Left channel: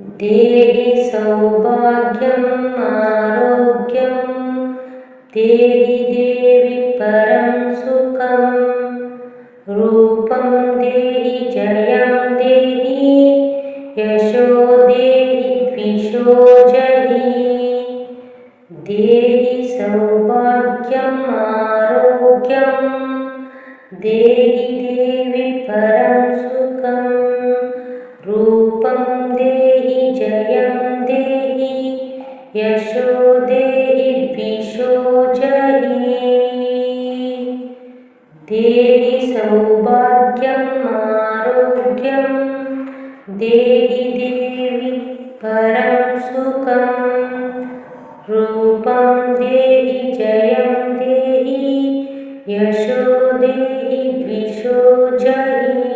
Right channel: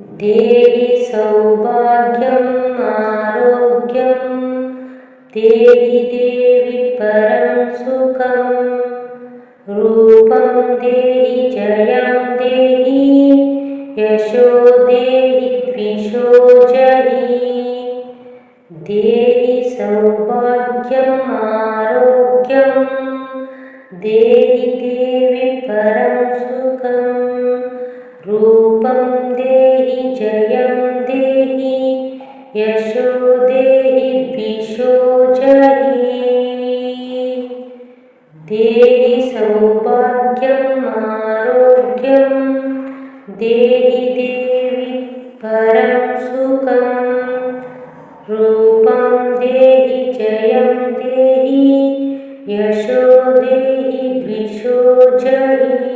देहि सौभाग्यम् आरोग्यं देहि देवि परं सुखं रूपं देहि जयं देहि यशो देहि द्विषो जहि देहि सौभाग्यम् आरोग्यं देहि देवि परं सुखं रूपं देहि जयं देहि यशो देहि द्विषो जहि देहि सौभाग्यम् आरोग्यं देहि देवि परं सुखं रूपं देहि जयं देहि यशो देहि द्विषो जहि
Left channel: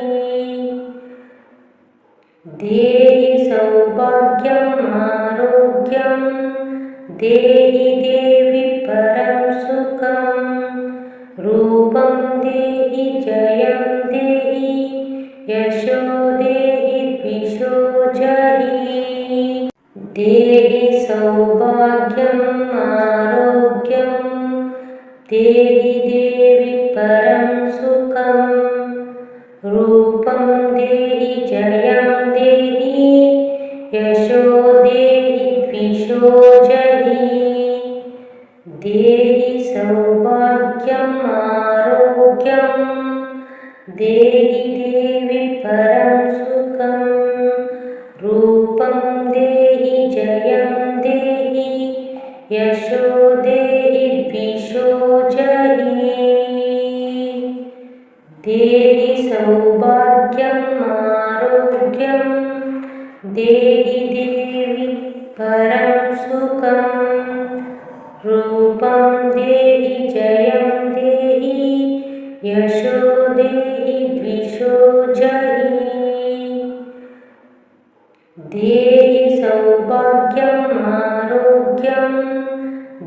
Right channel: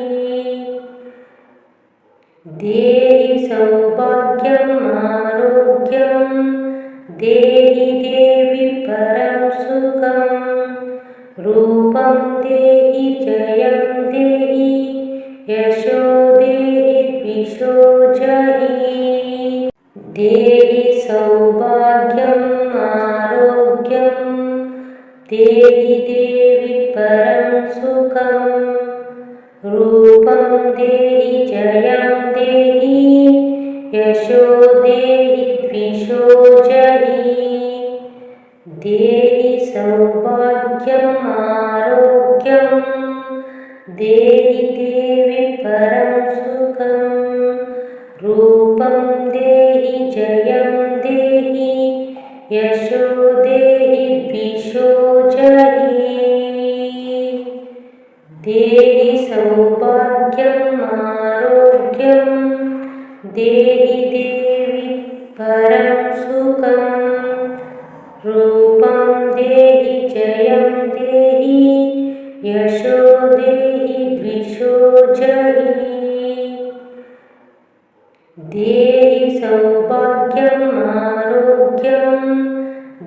देहि सौभाग्यम् आरोग्यं देहि देवि परं सुखं रूपं देहि जयं देहि यशो देहि द्विषो जहि देहि सौभाग्यम् आरोग्यं देहि देवि परं सुखं रूपं देहि जयं देहि यशो देहि द्विषो जहि देहि सौभाग्यम् आरोग्यं देहि देवि परं सुखं रूपं देहि जयं देहि यशो देहि द्विषो जहि देहि सौभाग्यम् आरोग्यं देहि देवि परं सुखं रूपं देहि जयं देहि यशो देहि द्विषो जहि देहि सौभाग्यम् आरोग्यं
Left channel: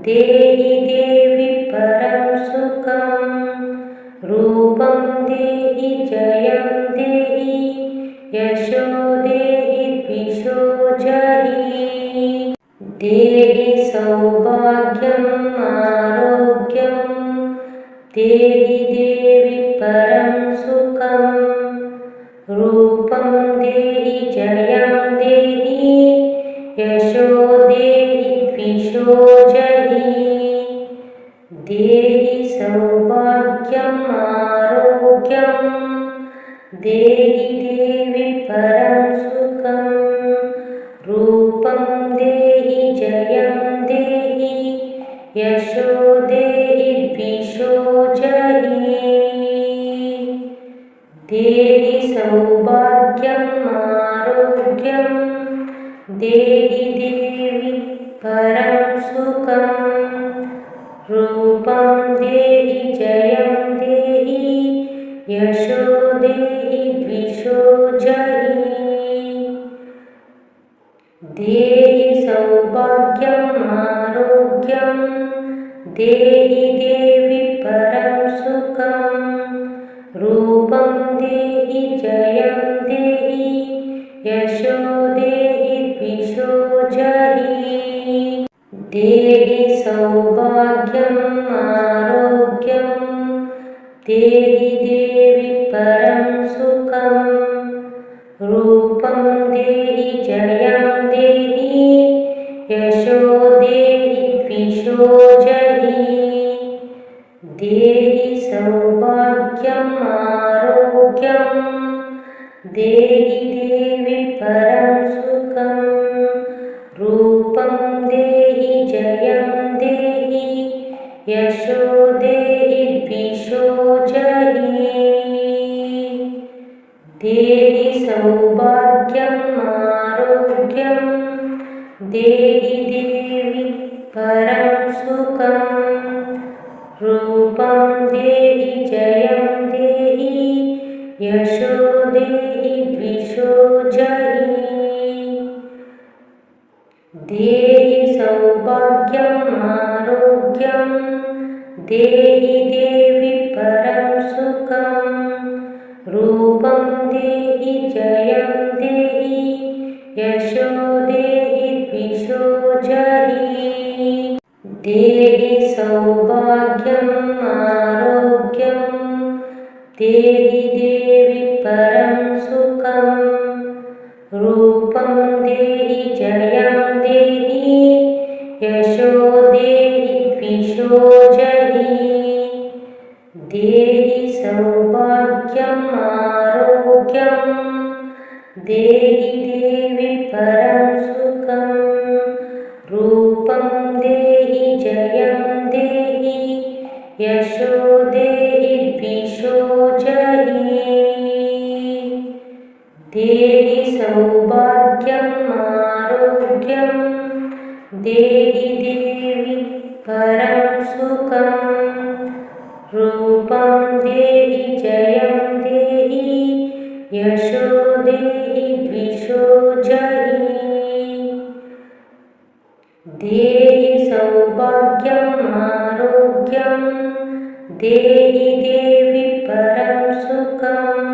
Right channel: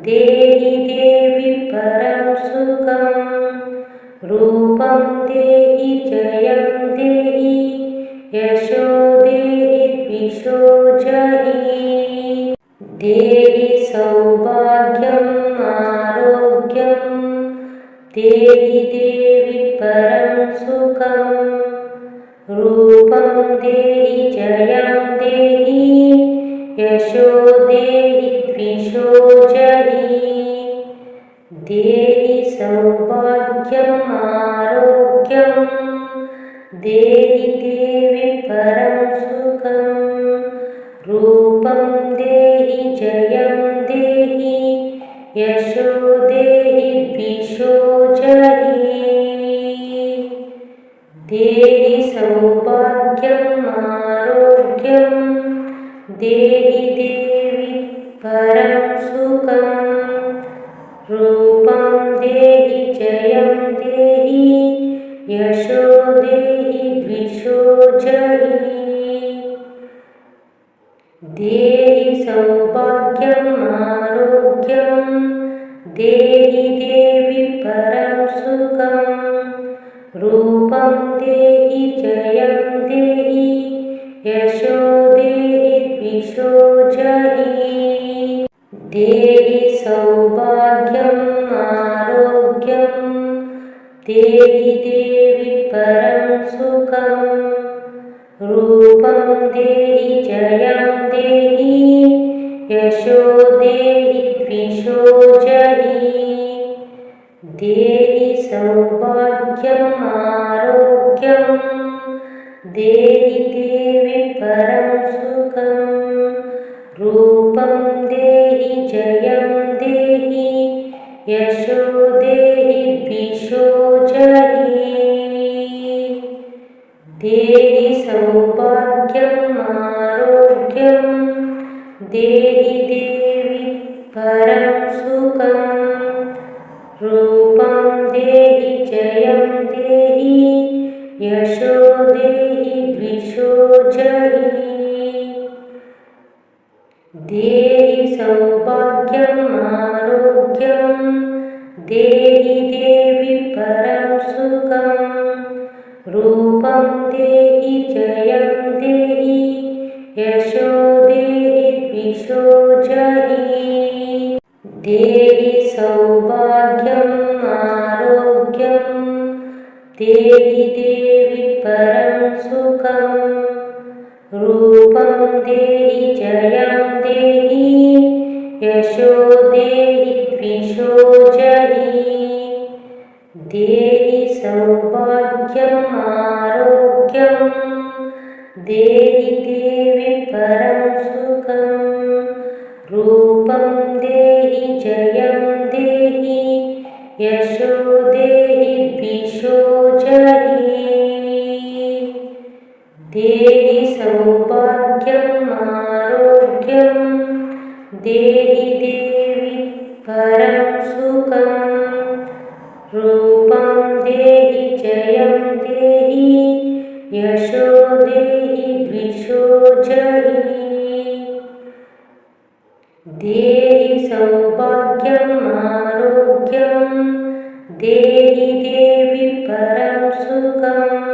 देहि देवि परं सुखं रूपं देहि जयं देहि यशो देहि द्विषो जहि देहि सौभाग्यम् आरोग्यं देहि देवि परं सुखं रूपं देहि जयं देहि यशो देहि द्विषो जहि देहि सौभाग्यम् आरोग्यं देहि देवि परं सुखं रूपं देहि जयं देहि यशो देहि द्विषो जहि देहि सौभाग्यम् आरोग्यं देहि देवि परं सुखं रूपं देहि जयं देहि यशो देहि द्विषो जहि देहि सौभाग्यम् आरोग्यं देहि देवि परं सुखं रूपं देहि जयं देहि यशो देहि द्विषो जहि देहि सौभाग्यम् आरोग्यं देहि देवि परं सुखं रूपं देहि जयं देहि यशो देहि द्विषो जहि देहि सौभाग्यम् आरोग्यं देहि देवि परं सुखं रूपं देहि जयं देहि यशो देहि द्विषो जहि देहि सौभाग्यम् आरोग्यं देहि देवि परं सुखं रूपं देहि जयं देहि यशो देहि द्विषो जहि देहि सौभाग्यम् आरोग्यं देहि देवि परं सुखं रूपं देहि जयं देहि यशो देहि द्विषो जहि। देहि सौभाग्यम् आरोग्यं देहि देवि परं सुखं। रूपं देहि जयं देहि यशो देहि द्विषो जहि। देहि सौभाग्यम् आरोग्यं देहि देवि परं सुखं। रूपं देहि जयं देहि यशो देहि द्विषो जहि। देहि सौभाग्यम् आरोग्यं देहि देवि परं सुखं। रूपं देहि जयं देहि यशो देहि द्विषो जहि। देहि सौभाग्यम् आरोग्यं देहि देवि परं सुखं।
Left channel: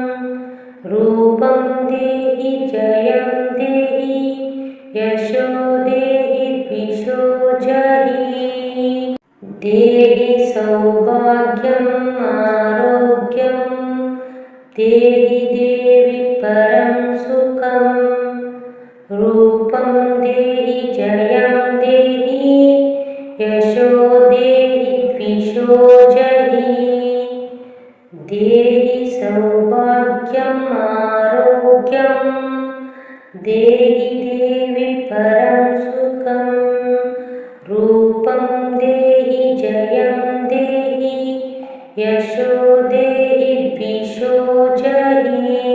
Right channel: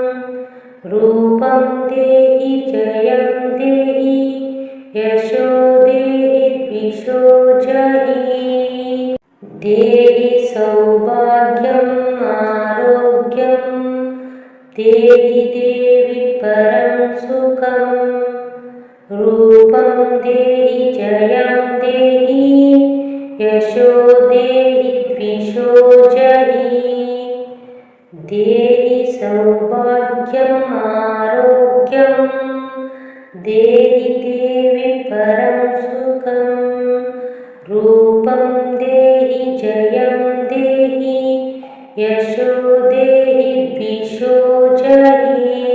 रूपं देहि जयं देहि यशो देहि द्विषो जहि। देहि सौभाग्यम् आरोग्यं देहि देवि परं सुखं। रूपं देहि जयं देहि यशो देहि द्विषो जहि। देहि सौभाग्यम् आरोग्यं देहि देवि परं सुखं। रूपं देहि जयं देहि यशो देहि द्विषो जहि।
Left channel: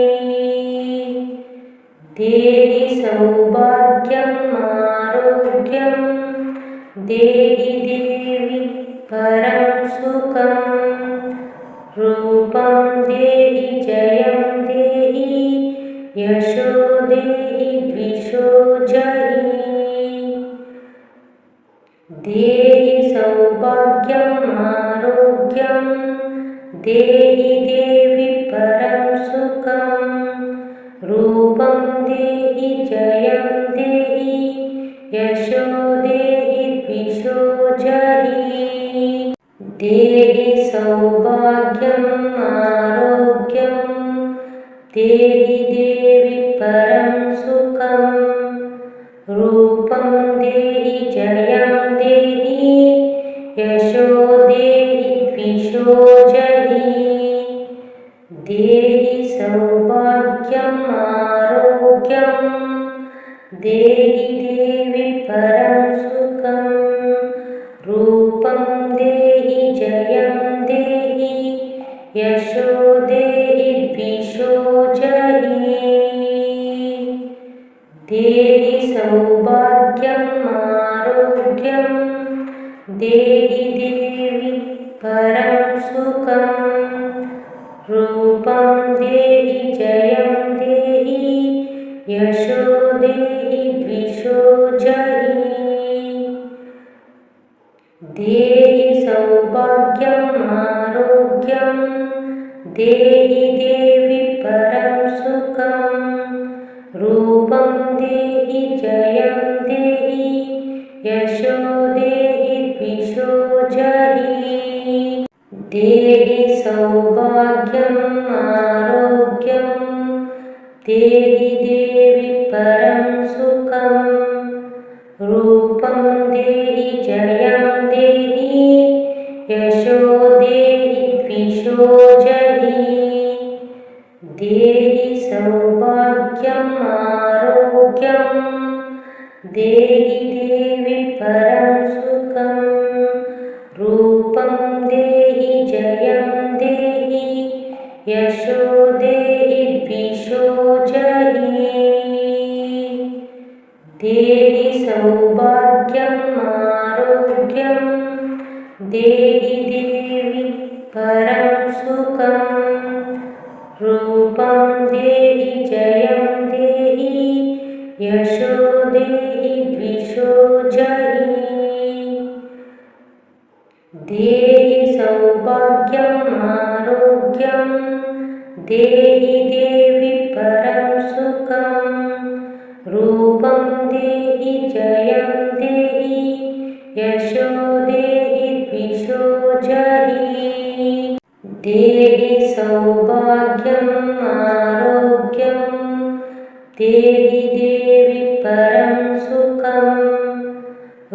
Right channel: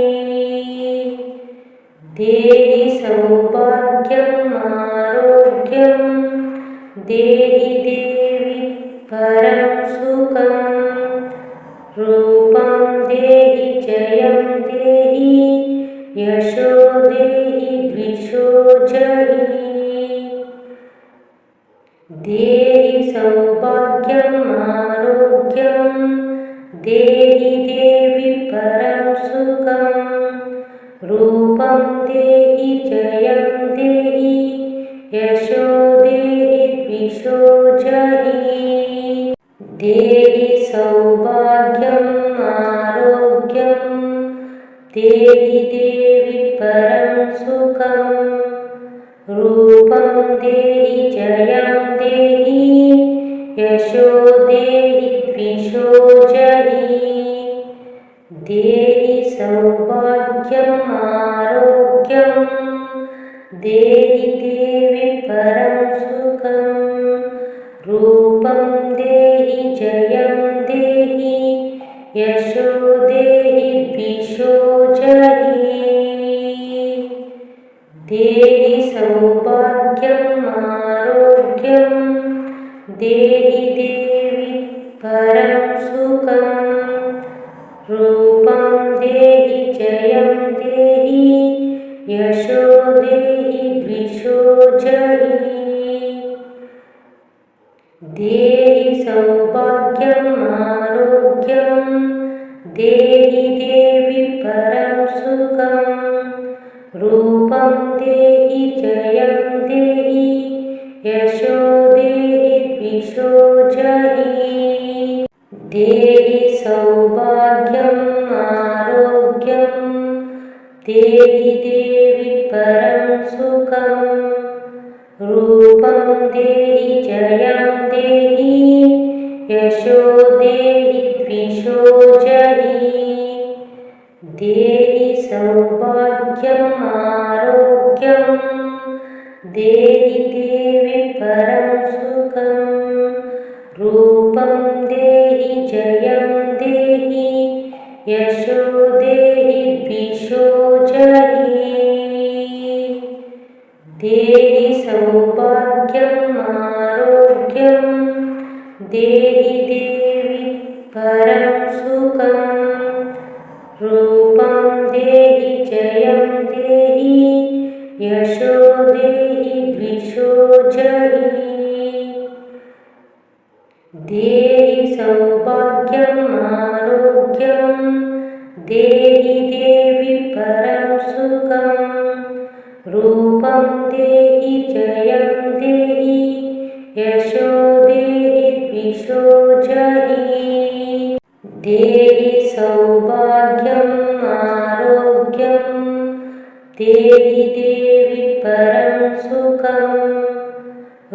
देहि सौभाग्यम् आरोग्यं देहि देवि परं सुखं। रूपं देहि जयं देहि यशो देहि द्विषो जहि। देहि सौभाग्यम् आरोग्यं देहि देवि परं सुखं। रूपं देहि जयं देहि यशो देहि द्विषो जहि। देहि सौभाग्यम् आरोग्यं देहि देवि परं सुखं। रूपं देहि जयं देहि यशो देहि द्विषो जहि। देहि सौभाग्यम् आरोग्यं देहि देवि परं सुखं। रूपं देहि जयं देहि यशो देहि द्विषो जहि। देहि सौभाग्यम् आरोग्यं देहि देवि परं सुखं। रूपं देहि जयं देहि यशो देहि द्विषो जहि। देहि सौभाग्यम् आरोग्यं देहि देवि परं सुखं। रूपं देहि जयं देहि यशो देहि द्विषो जहि। देहि सौभाग्यम् आरोग्यं देहि देवि परं सुखं। रूपं देहि जयं देहि यशो देहि द्विषो जहि। देहि सौभाग्यम् आरोग्यं देहि देवि परं सुखं। रूपं देहि जयं देहि यशो देहि द्विषो जहि। देहि सौभाग्यम् आरोग्यं देहि देवि परं सुखं। रूपं देहि जयं देहि यशो देहि द्विषो जहि। देहि सौभाग्यम् आरोग्यं देहि देवि परं सुखं। रूपं देहि जयं देहि यशो देहि द्विषो जहि देहि सौभाग्यम् आरोग्यं देहि देवि परं सुखं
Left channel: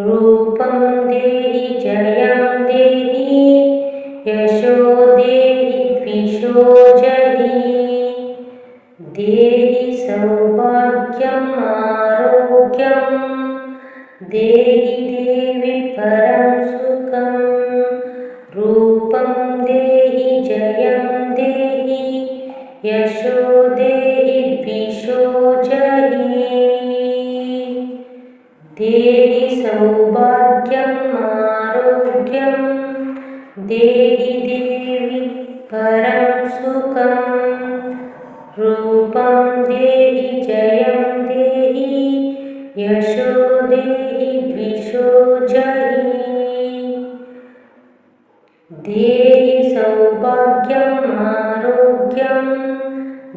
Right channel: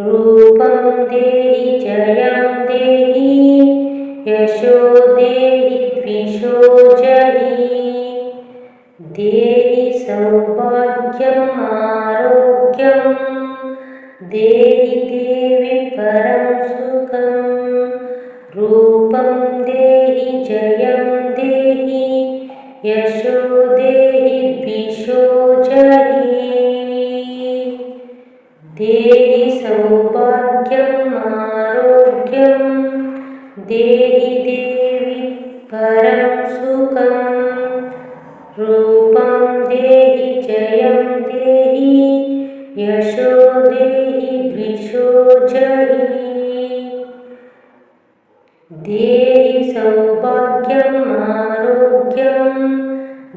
रूपं देहि जयं देहि यशो देहि द्विषो जहि देहि सौभाग्यम् आरोग्यं देहि देवि परं सुखं रूपं देहि जयं देहि यशो देहि द्विषो जहि देहि सौभाग्यम् आरोग्यं देहि देवि परं सुखं रूपं देहि जयं देहि यशो देहि द्विषो जहि देहि सौभाग्यम् आरोग्यं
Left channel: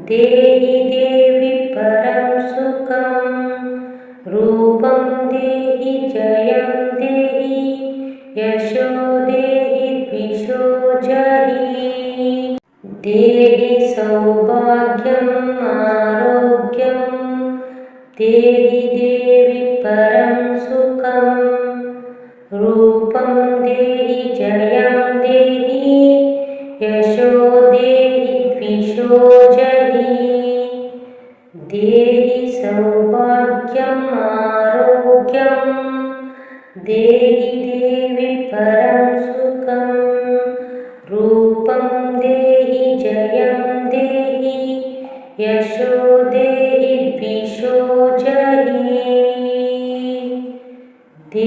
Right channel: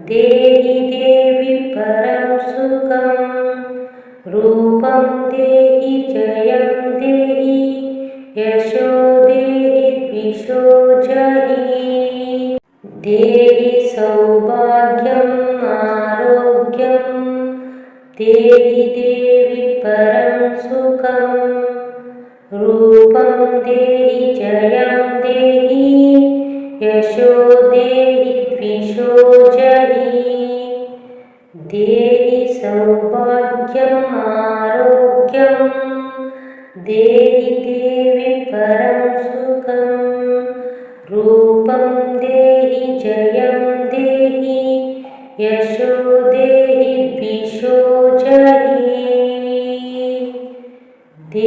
देहि देवि परं सुखं रूपं देहि जयं देहि यशो देहि द्विषो जहि देहि सौभाग्यम् आरोग्यं देहि देवि परं सुखं रूपं देहि जयं देहि यशो देहि द्विषो जहि देहि सौभाग्यम् आरोग्यं देहि देवि परं सुखं रूपं देहि जयं देहि यशो देहि द्विषो जहि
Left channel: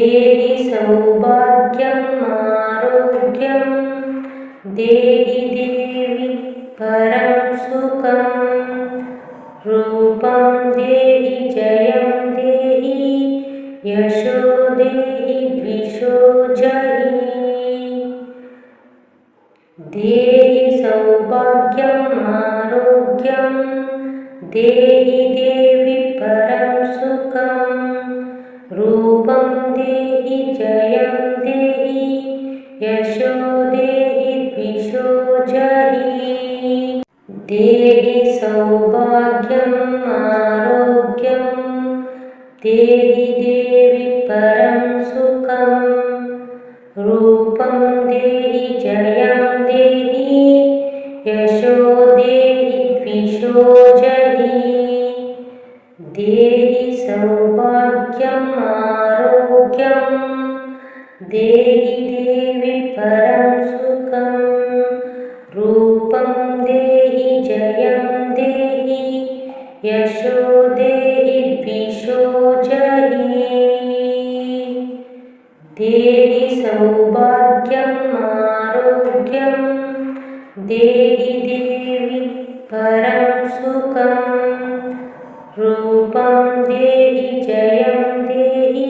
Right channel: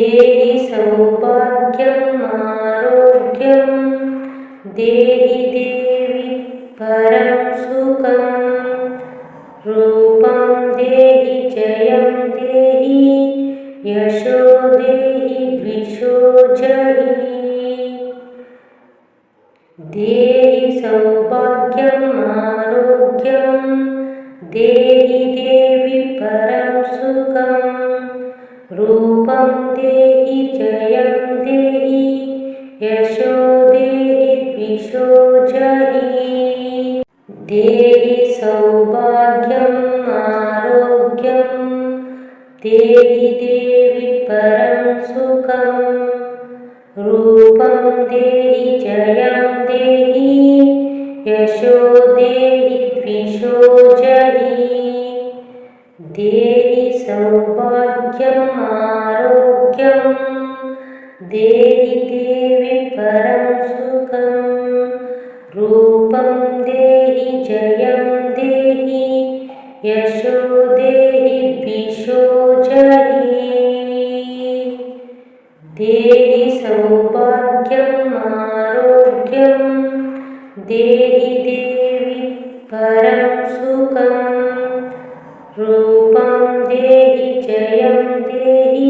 देहि सौभाग्यम् आरोग्यं देहि देवि परं सुखं रूपं देहि जयं देहि यशो देहि द्विषो जहि देहि सौभाग्यम् आरोग्यं देहि देवि परं सुखं रूपं देहि जयं देहि यशो देहि द्विषो जहि देहि सौभाग्यम् आरोग्यं देहि देवि परं सुखं रूपं देहि जयं देहि यशो देहि द्विषो जहि देहि सौभाग्यम् आरोग्यं देहि देवि परं सुखं रूपं देहि जयं देहि यशो देहि द्विषो जहि देहि सौभाग्यम् आरोग्यं देहि देवि परं सुखं रूपं देहि जयं देहि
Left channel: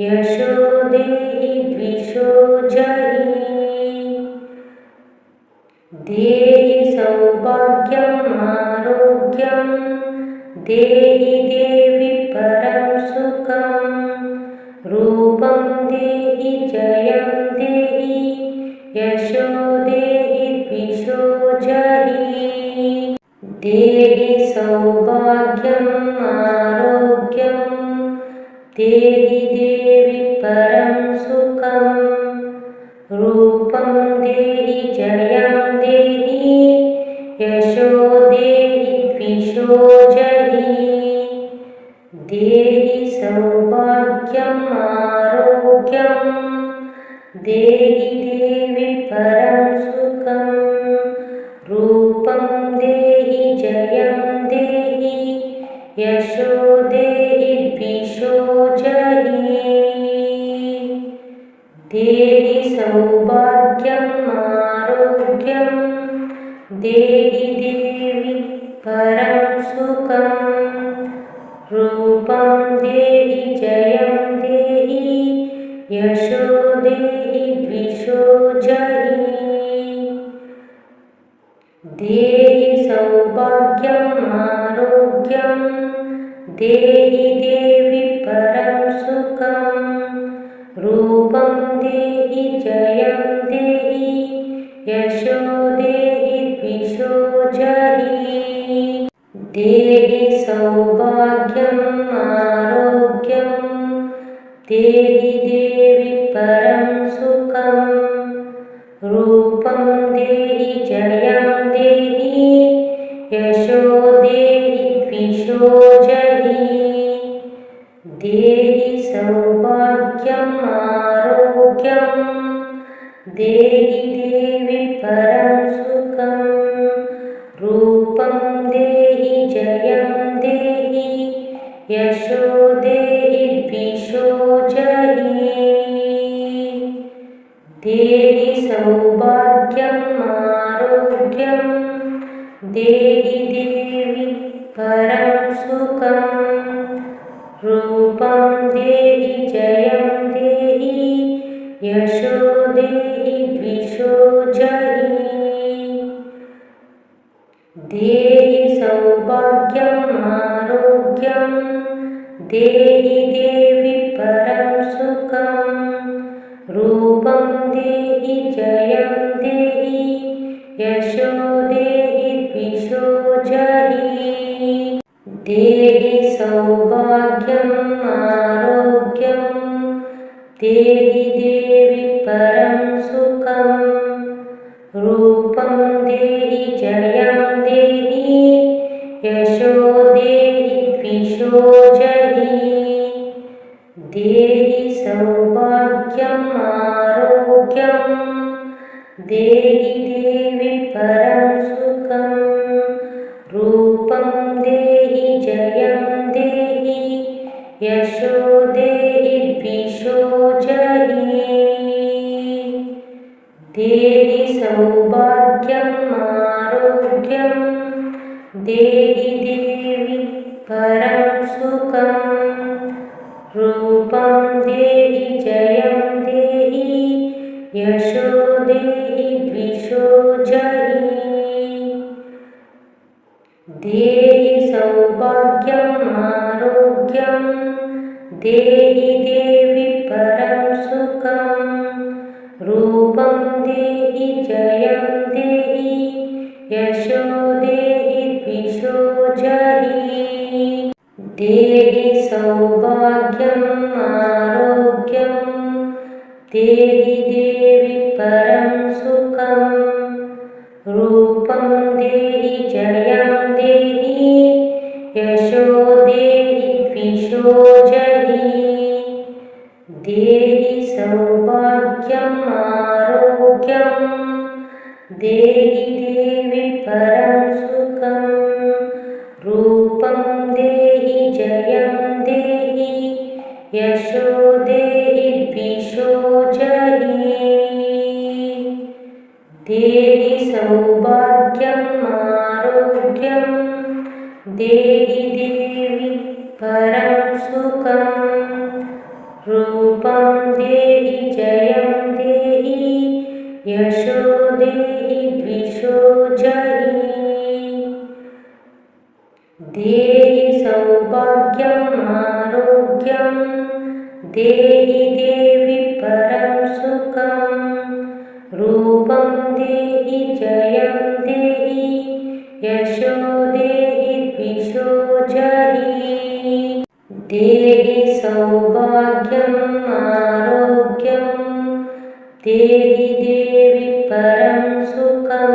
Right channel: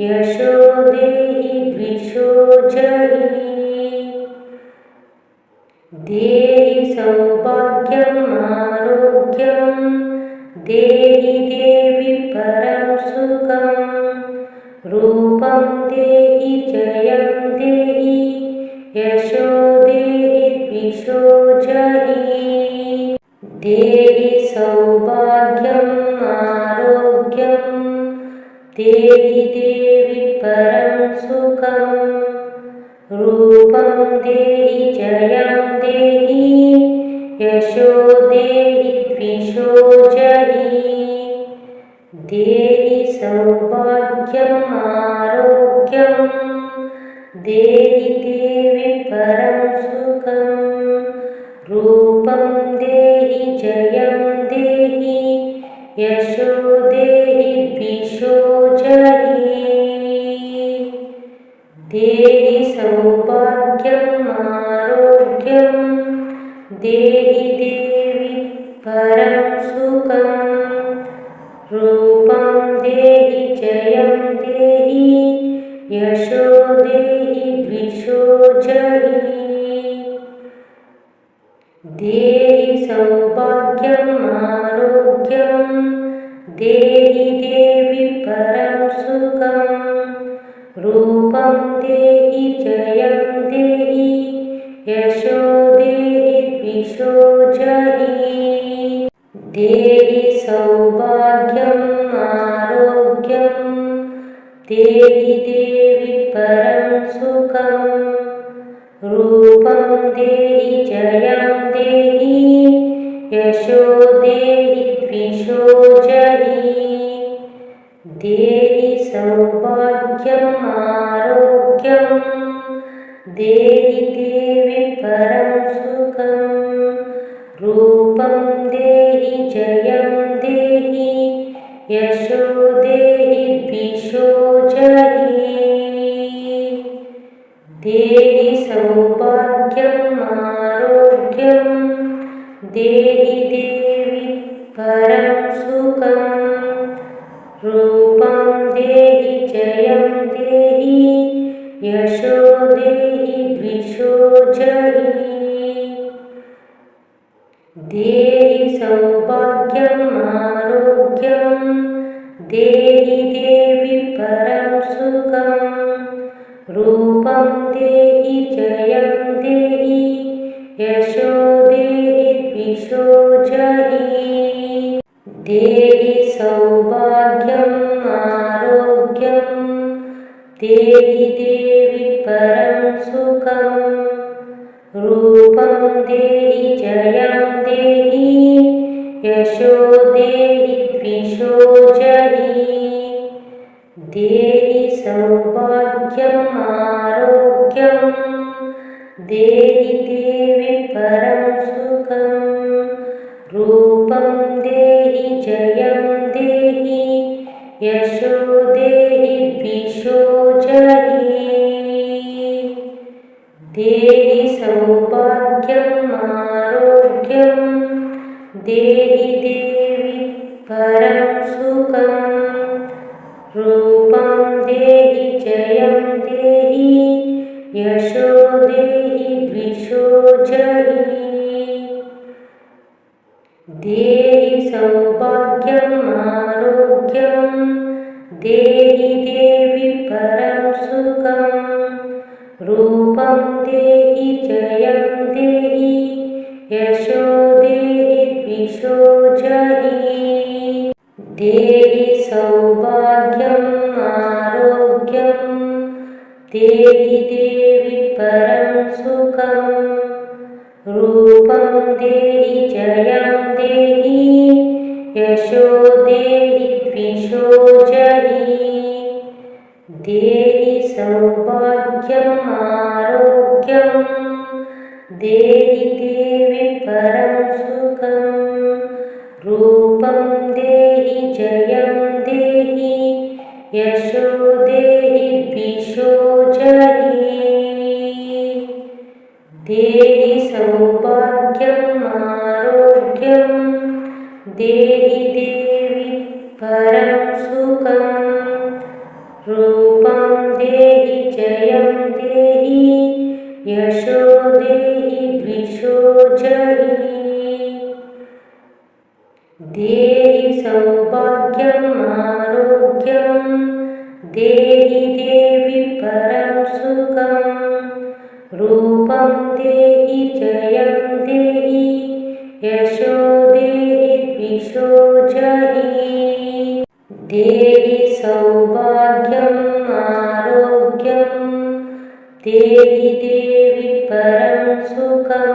यशो देहि द्विषो जहि देहि सौभाग्यम् आरोग्यं देहि देवि परं सुखं रूपं देहि जयं देहि यशो देहि द्विषो जहि देहि सौभाग्यम् आरोग्यं देहि देवि परं सुखं रूपं देहि जयं देहि यशो देहि द्विषो जहि देहि सौभाग्यम् आरोग्यं देहि देवि परं सुखं रूपं देहि जयं देहि यशो देहि द्विषो जहि देहि सौभाग्यम् आरोग्यं देहि देवि परं सुखं रूपं देहि जयं देहि यशो देहि द्विषो जहि देहि सौभाग्यम् आरोग्यं देहि देवि परं सुखं रूपं देहि जयं देहि यशो देहि द्विषो जहि देहि सौभाग्यम् आरोग्यं देहि देवि परं सुखं रूपं देहि जयं देहि यशो देहि द्विषो जहि देहि सौभाग्यम् आरोग्यं देहि देवि परं सुखं रूपं देहि जयं देहि यशो देहि द्विषो जहि देहि सौभाग्यम् आरोग्यं देहि देवि परं सुखं रूपं देहि जयं देहि यशो देहि द्विषो जहि देहि सौभाग्यम् आरोग्यं देहि देवि परं सुखं रूपं देहि जयं देहि यशो देहि द्विषो जहि देहि सौभाग्यम् आरोग्यं देहि देवि परं सुखं रूपं देहि जयं देहि यशो देहि द्विषो जहि देहि सौभाग्यम् आरोग्यं देहि देवि परं सुखं रूपं देहि जयं देहि यशो देहि द्विषो जहि देहि सौभाग्यम् आरोग्यं देहि देवि परं सुखं रूपं देहि जयं देहि यशो देहि द्विषो जहि देहि सौभाग्यम् आरोग्यं देहि देवि परं सुखं रूपं देहि जयं देहि यशो देहि द्विषो जहि देहि सौभाग्यम् आरोग्यं देहि देवि परं सुखं रूपं देहि जयं देहि यशो देहि द्विषो जहि देहि सौभाग्यम् आरोग्यं देहि देवि परं सुखं रूपं देहि जयं देहि यशो देहि द्विषो जहि देहि सौभाग्यम् आरोग्यं देहि देवि परं सुखं रूपं देहि जयं देहि यशो देहि द्विषो जहि देहि सौभाग्यम् आरोग्यं देहि देवि परं सुखं रूपं देहि जयं देहि यशो देहि द्विषो जहि देहि सौभाग्यम् आरोग्यं देहि देवि परं सुखं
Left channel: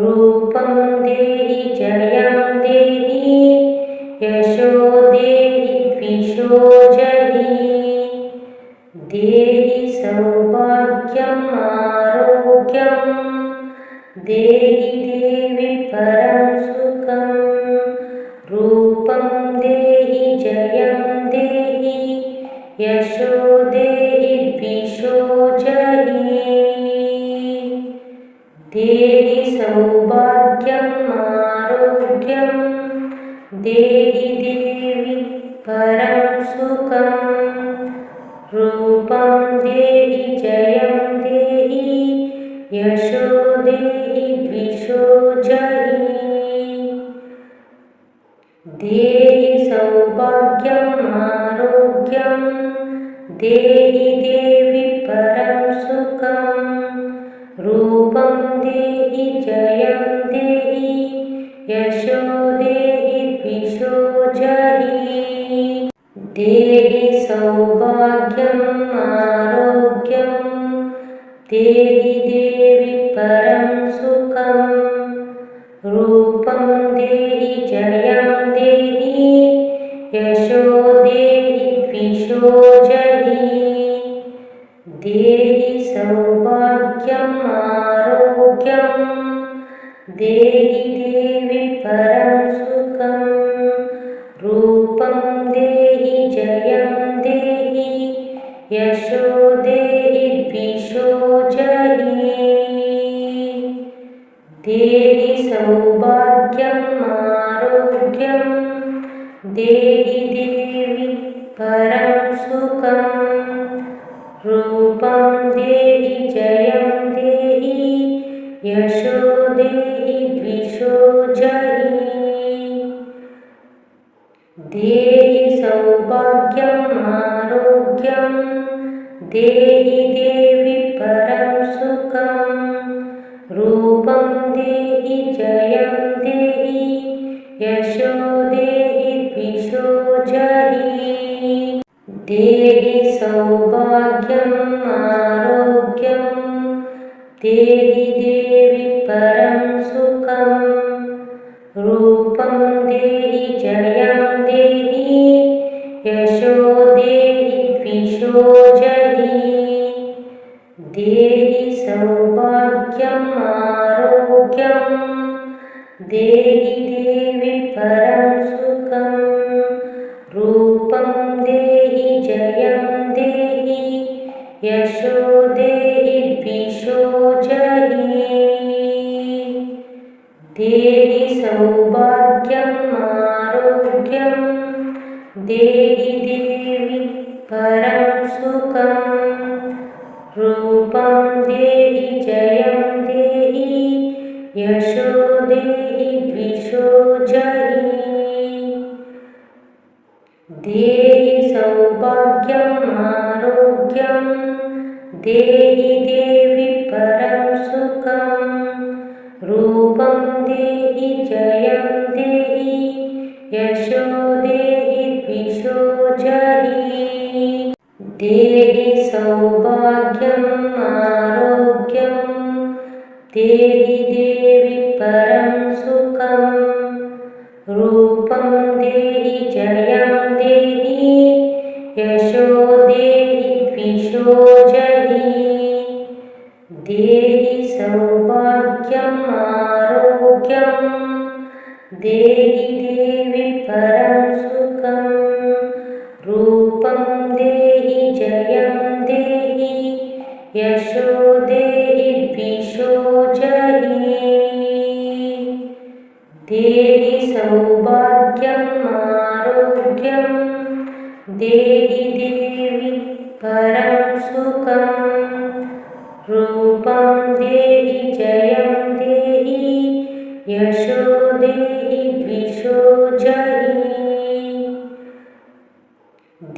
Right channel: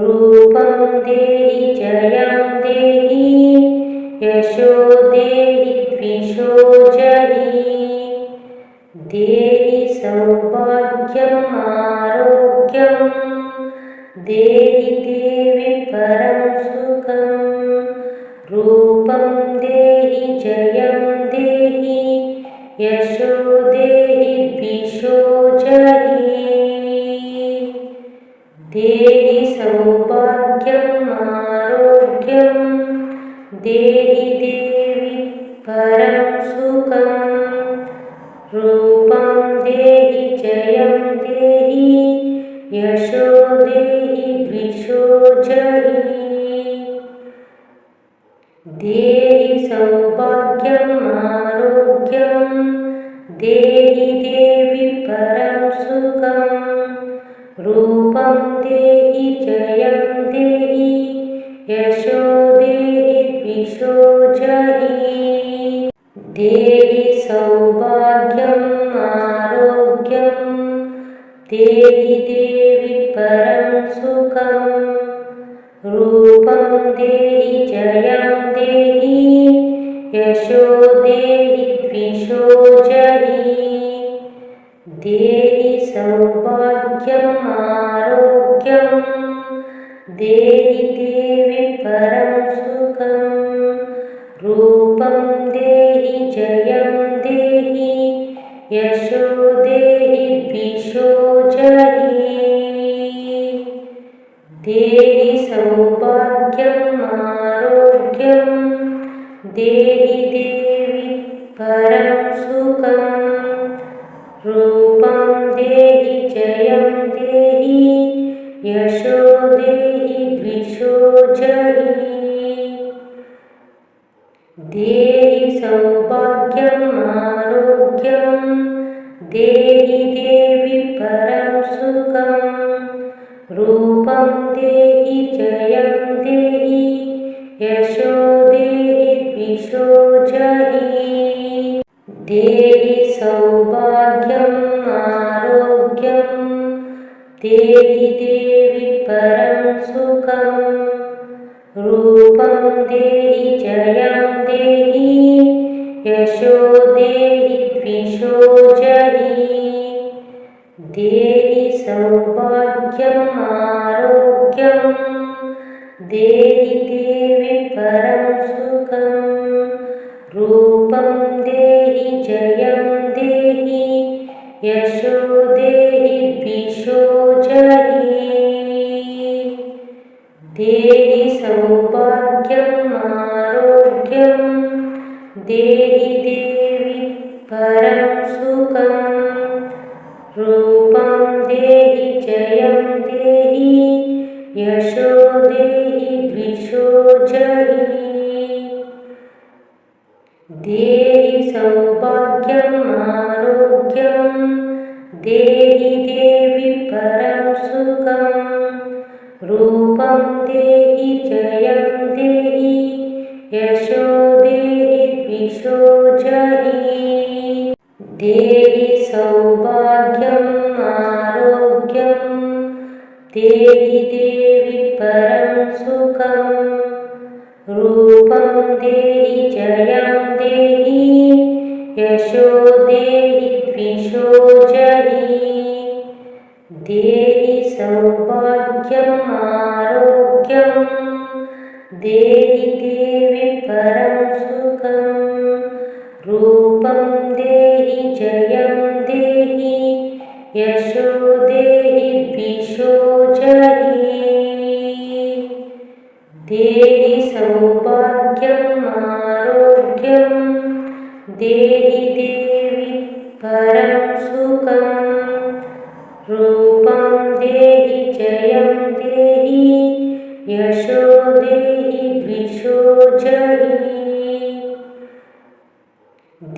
रूपं देहि जयं देहि यशो देहि द्विषो जहि देहि सौभाग्यम् आरोग्यं देहि देवि परं सुखं रूपं देहि जयं देहि यशो देहि द्विषो जहि देहि सौभाग्यम् आरोग्यं देहि देवि परं सुखं रूपं देहि जयं देहि यशो देहि द्विषो जहि देहि सौभाग्यम् आरोग्यं देहि देवि परं सुखं रूपं देहि जयं देहि यशो देहि द्विषो जहि देहि सौभाग्यम् आरोग्यं देहि देवि परं सुखं रूपं देहि जयं देहि यशो देहि द्विषो जहि देहि सौभाग्यम् आरोग्यं देहि देवि परं सुखं रूपं देहि जयं देहि यशो देहि द्विषो जहि देहि सौभाग्यम् आरोग्यं देहि देवि परं सुखं रूपं देहि जयं देहि यशो देहि द्विषो जहि देहि सौभाग्यम् आरोग्यं देहि देवि परं सुखं रूपं देहि जयं देहि यशो देहि द्विषो जहि देहि सौभाग्यम् आरोग्यं देहि देवि परं सुखं रूपं देहि जयं देहि यशो देहि द्विषो जहि देहि सौभाग्यम् आरोग्यं देहि देवि परं सुखं रूपं देहि जयं देहि यशो देहि द्विषो जहि देहि सौभाग्यम् आरोग्यं देहि देवि परं सुखं रूपं देहि जयं देहि यशो देहि द्विषो जहि देहि सौभाग्यम् आरोग्यं देहि देवि परं सुखं रूपं देहि जयं देहि यशो देहि द्विषो जहि देहि सौभाग्यम् आरोग्यं देहि देवि परं सुखं रूपं देहि जयं देहि यशो देहि द्विषो जहि देहि सौभाग्यम् आरोग्यं देहि देवि परं सुखं रूपं देहि जयं देहि यशो देहि द्विषो जहि देहि सौभाग्यम् आरोग्यं देहि देवि परं सुखं रूपं देहि जयं देहि यशो देहि द्विषो जहि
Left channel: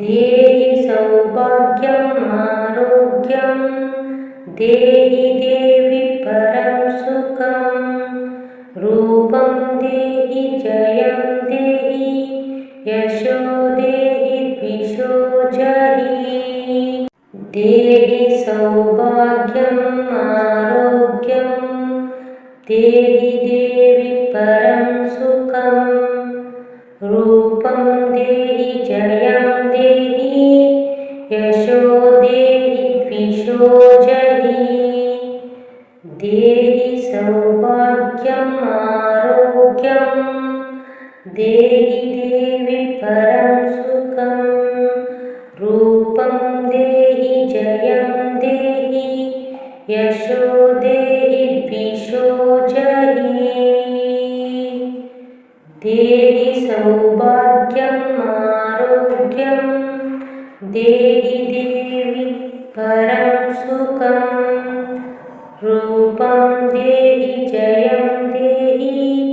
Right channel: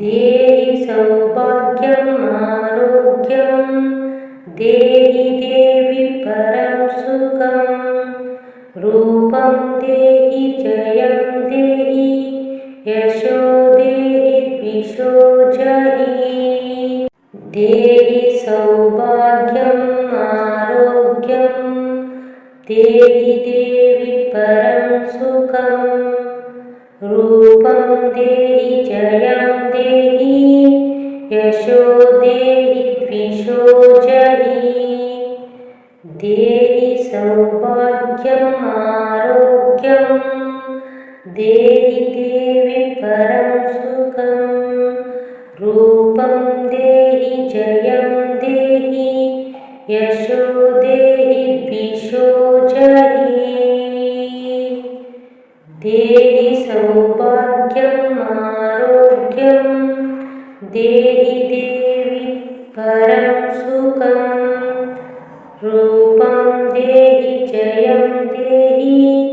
देहि सौभाग्यम् आरोग्यं देहि देवि परं सुखं रूपं देहि जयं देहि यशो देहि द्विषो जहि देहि सौभाग्यम् आरोग्यं देहि देवि परं सुखं रूपं देहि जयं देहि यशो देहि द्विषो जहि देहि सौभाग्यम् आरोग्यं देहि देवि परं सुखं रूपं देहि जयं देहि यशो देहि द्विषो जहि देहि सौभाग्यम् आरोग्यं देहि देवि परं सुखं रूपं देहि जयं देहि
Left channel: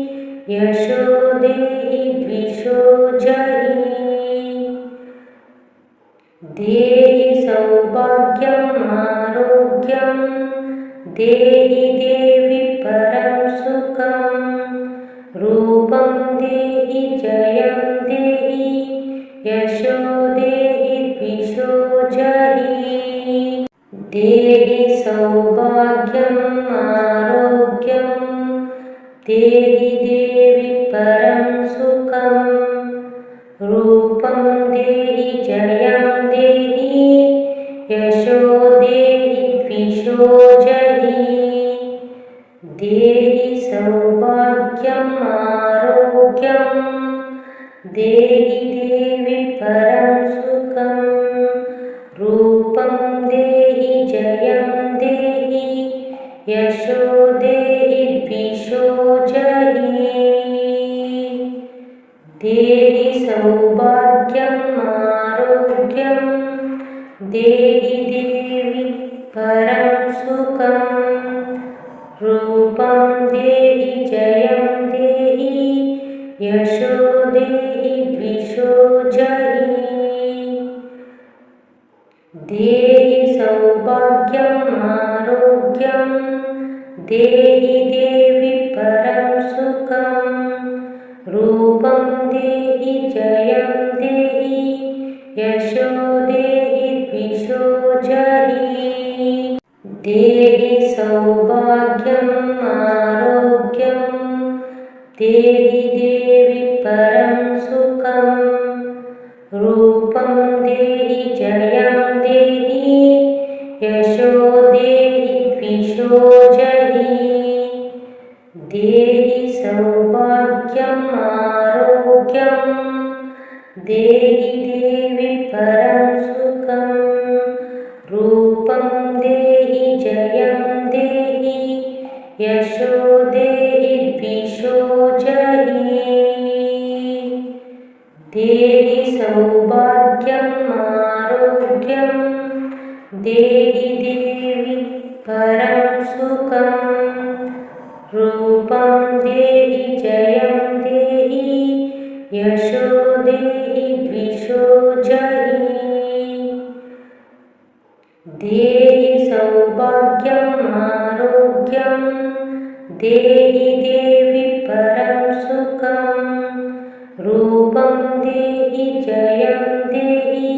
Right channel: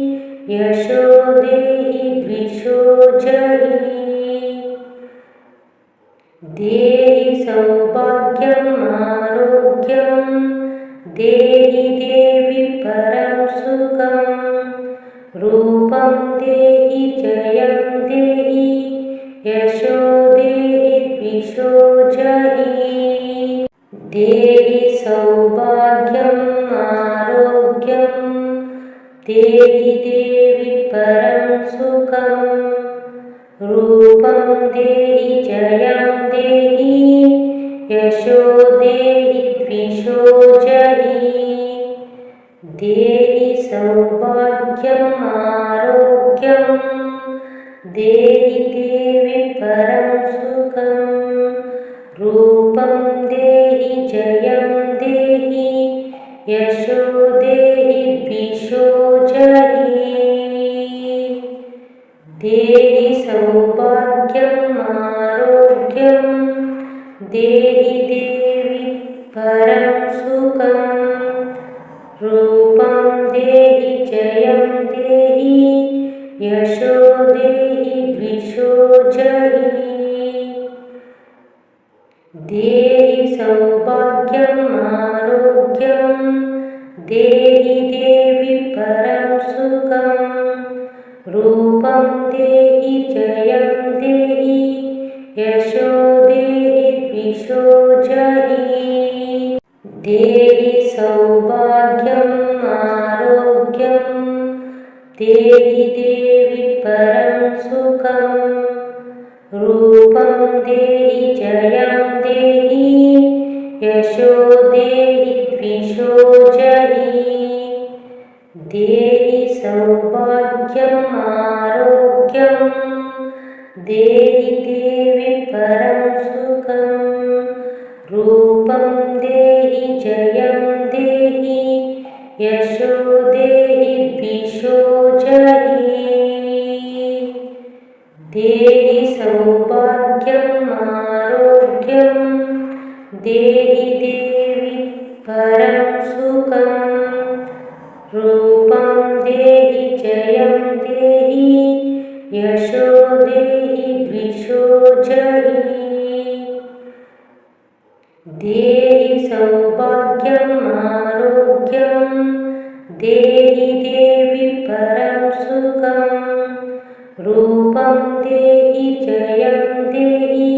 यशो देहि द्विषो जहि देहि सौभाग्यम् आरोग्यं देहि देवि परं सुखं रूपं देहि जयं देहि यशो देहि द्विषो जहि देहि सौभाग्यम् आरोग्यं देहि देवि परं सुखं रूपं देहि जयं देहि यशो देहि द्विषो जहि देहि सौभाग्यम् आरोग्यं देहि देवि परं सुखं रूपं देहि जयं देहि यशो देहि द्विषो जहि देहि सौभाग्यम् आरोग्यं देहि देवि परं सुखं रूपं देहि जयं देहि यशो देहि द्विषो जहि देहि सौभाग्यम् आरोग्यं देहि देवि परं सुखं रूपं देहि जयं देहि यशो देहि द्विषो जहि देहि सौभाग्यम् आरोग्यं देहि देवि परं सुखं रूपं देहि जयं देहि यशो देहि द्विषो जहि देहि सौभाग्यम् आरोग्यं देहि देवि परं सुखं रूपं देहि जयं देहि यशो देहि द्विषो जहि देहि सौभाग्यम् आरोग्यं देहि देवि परं सुखं रूपं देहि जयं देहि यशो देहि द्विषो जहि देहि सौभाग्यम् आरोग्यं देहि देवि परं सुखं रूपं देहि जयं देहि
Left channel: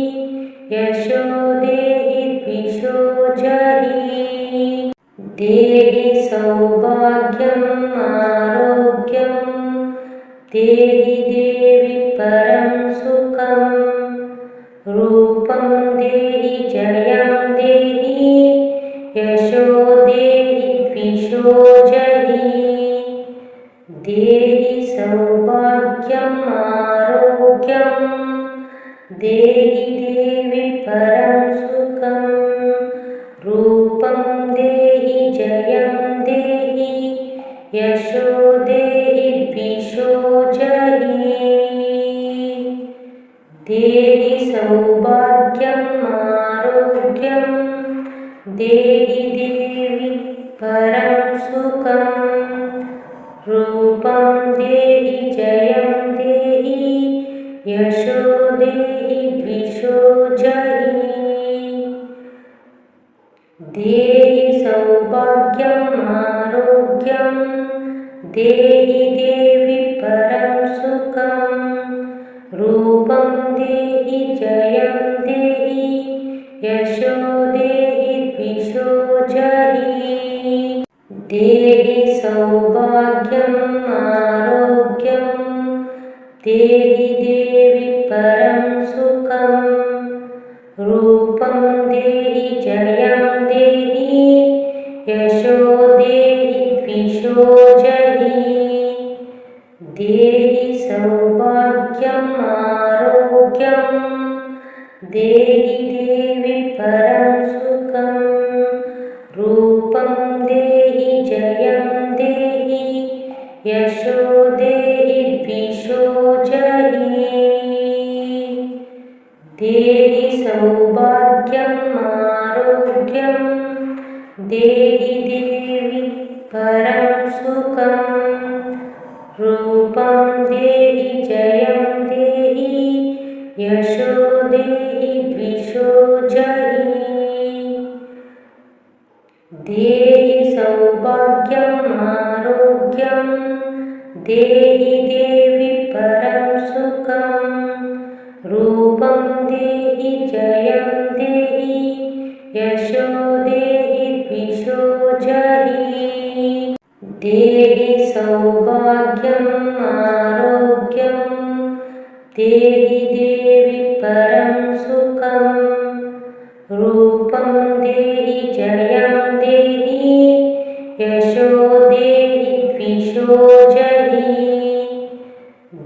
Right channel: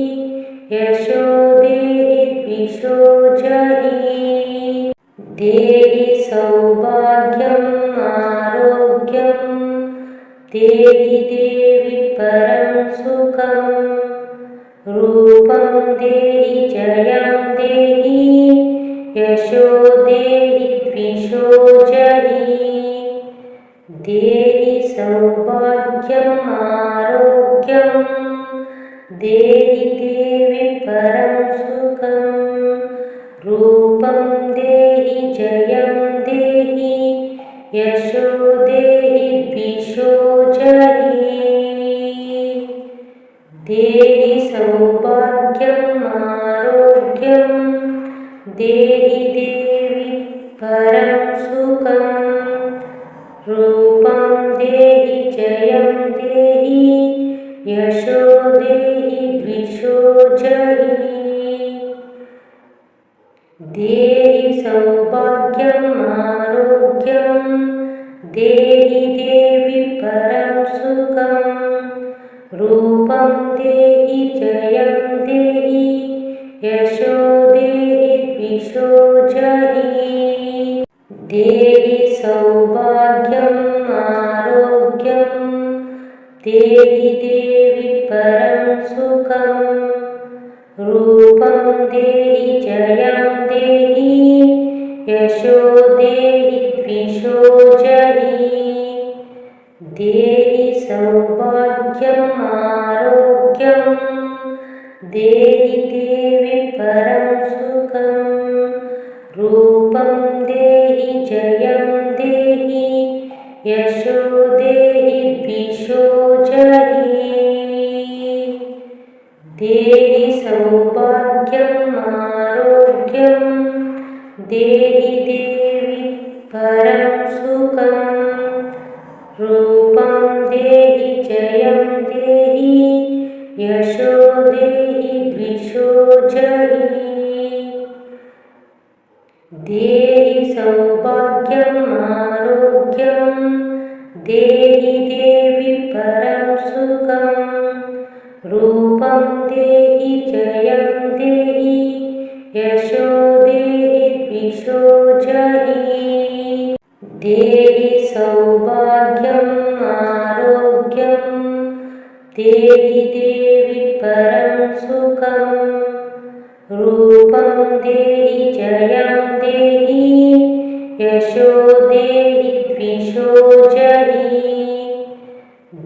यशो देहि द्विषो जहि देहि सौभाग्यम् आरोग्यं देहि देवि परं सुखं रूपं देहि जयं देहि यशो देहि द्विषो जहि देहि सौभाग्यम् आरोग्यं देहि देवि परं सुखं रूपं देहि जयं देहि यशो देहि द्विषो जहि देहि सौभाग्यम् आरोग्यं देहि देवि परं सुखं रूपं देहि जयं देहि यशो देहि द्विषो जहि देहि सौभाग्यम् आरोग्यं देहि देवि परं सुखं रूपं देहि जयं देहि यशो देहि द्विषो जहि देहि सौभाग्यम् आरोग्यं देहि देवि परं सुखं रूपं देहि जयं देहि यशो देहि द्विषो जहि देहि सौभाग्यम् आरोग्यं देहि देवि परं सुखं रूपं देहि जयं देहि यशो देहि द्विषो जहि देहि सौभाग्यम् आरोग्यं देहि देवि परं सुखं रूपं देहि जयं देहि यशो देहि द्विषो जहि देहि सौभाग्यम् आरोग्यं देहि देवि परं सुखं रूपं देहि जयं देहि यशो देहि द्विषो जहि देहि सौभाग्यम् आरोग्यं देहि देवि परं सुखं रूपं देहि जयं देहि यशो देहि द्विषो जहि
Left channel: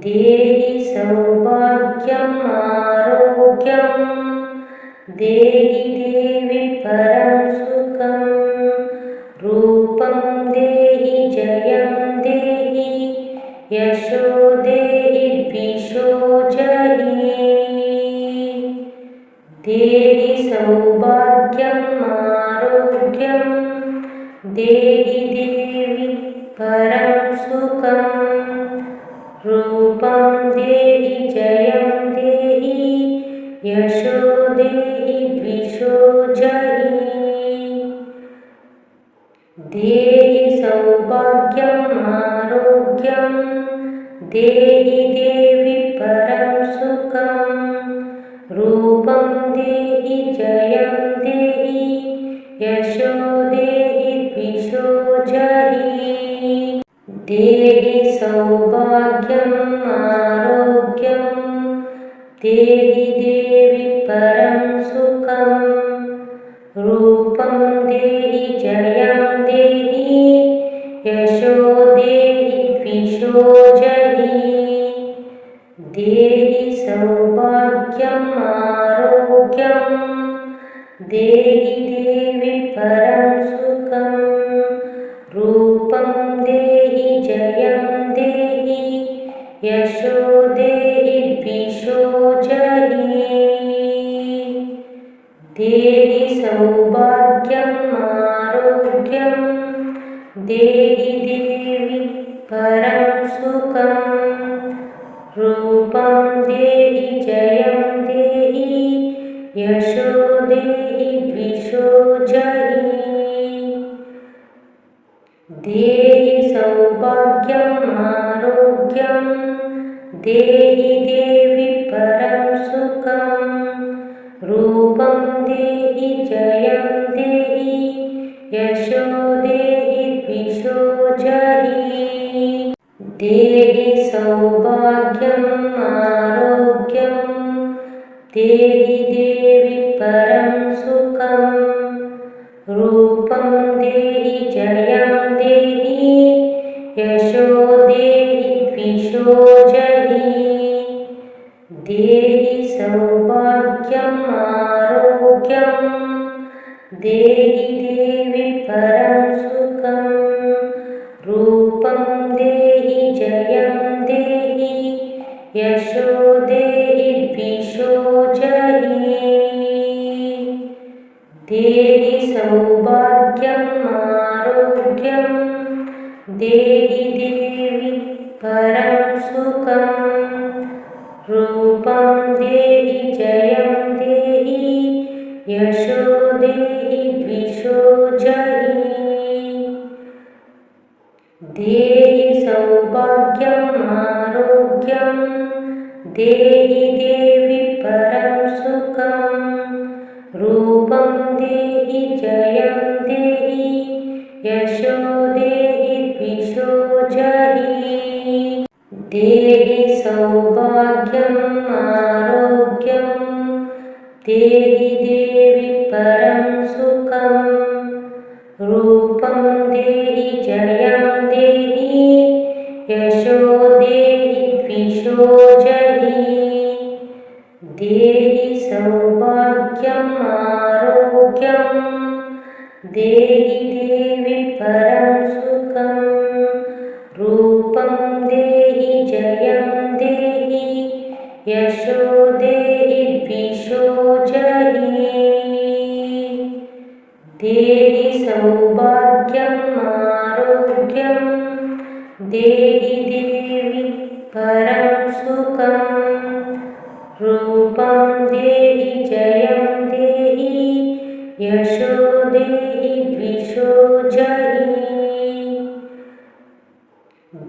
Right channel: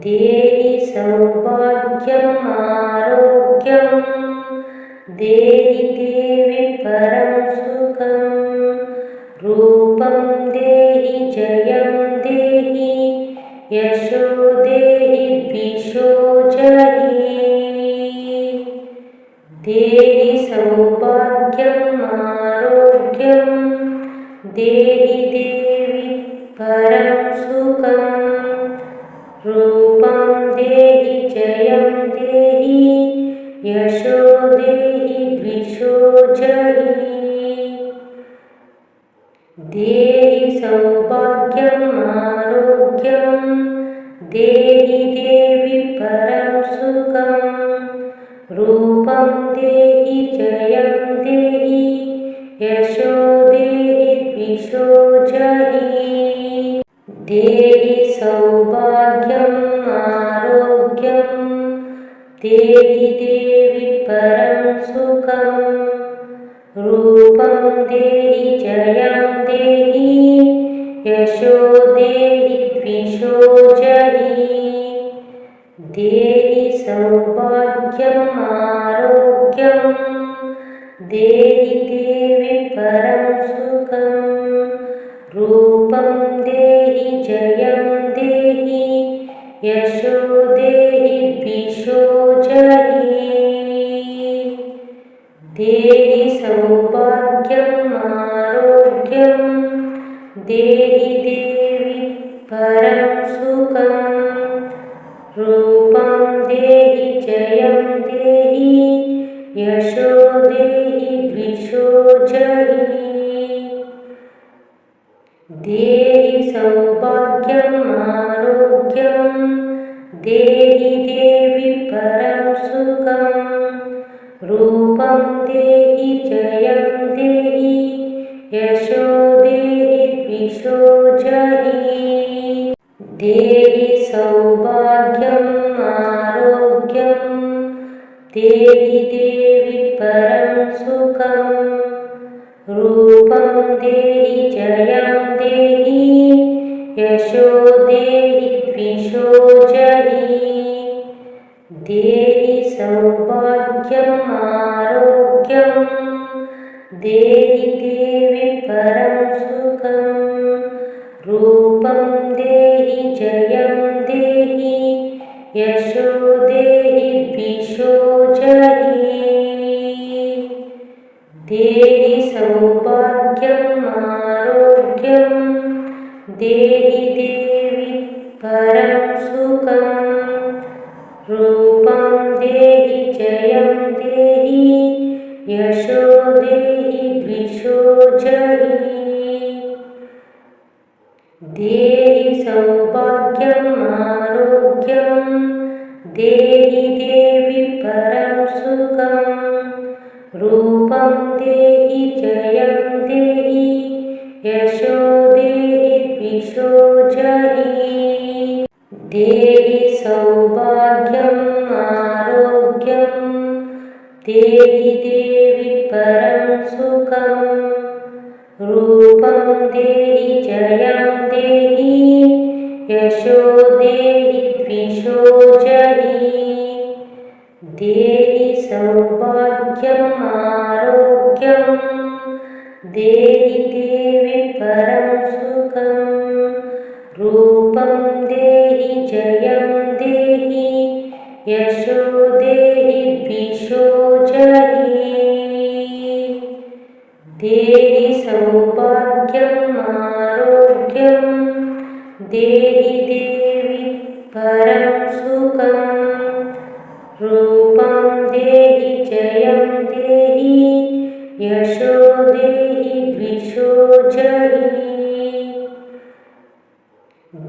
देहि सौभाग्यम् आरोग्यं देहि देवि परं सुखं रूपं देहि जयं देहि यशो देहि द्विषो जहि देहि सौभाग्यम् आरोग्यं देहि देवि परं सुखं रूपं देहि जयं देहि यशो देहि द्विषो जहि देहि सौभाग्यम् आरोग्यं देहि देवि परं सुखं रूपं देहि जयं देहि यशो देहि द्विषो जहि देहि सौभाग्यम् आरोग्यं देहि देवि परं सुखं रूपं देहि जयं देहि यशो देहि द्विषो जहि देहि सौभाग्यम् आरोग्यं देहि देवि परं सुखं रूपं देहि जयं देहि यशो देहि द्विषो जहि देहि सौभाग्यम् आरोग्यं देहि देवि परं सुखं रूपं देहि जयं देहि यशो देहि द्विषो जहि देहि सौभाग्यम् आरोग्यं देहि देवि परं सुखं रूपं देहि जयं देहि यशो देहि द्विषो जहि देहि सौभाग्यम् आरोग्यं देहि देवि परं सुखं रूपं देहि जयं देहि यशो देहि द्विषो जहि देहि सौभाग्यम् आरोग्यं देहि देवि परं सुखं रूपं देहि जयं देहि यशो देहि द्विषो जहि देहि सौभाग्यम् आरोग्यं देहि देवि परं सुखं रूपं देहि जयं देहि यशो देहि द्विषो जहि देहि सौभाग्यम् आरोग्यं देहि देवि परं सुखं रूपं देहि जयं देहि यशो देहि द्विषो जहि देहि सौभाग्यम् आरोग्यं देहि देवि परं सुखं रूपं देहि जयं देहि यशो देहि द्विषो जहि देहि सौभाग्यम् आरोग्यं देहि देवि परं सुखं रूपं देहि जयं देहि यशो देहि द्विषो जहि देहि सौभाग्यम् आरोग्यं देहि देवि परं सुखं रूपं देहि जयं देहि यशो देहि द्विषो जहि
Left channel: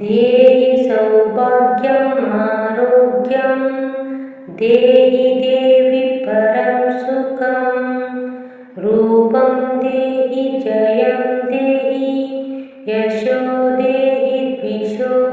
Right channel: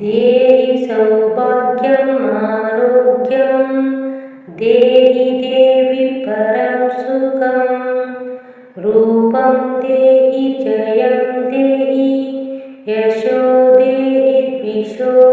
देहि सौभाग्यम् आरोग्यं देहि देवि परं सुखं रूपं देहि जयं देहि यशो देहि द्विषो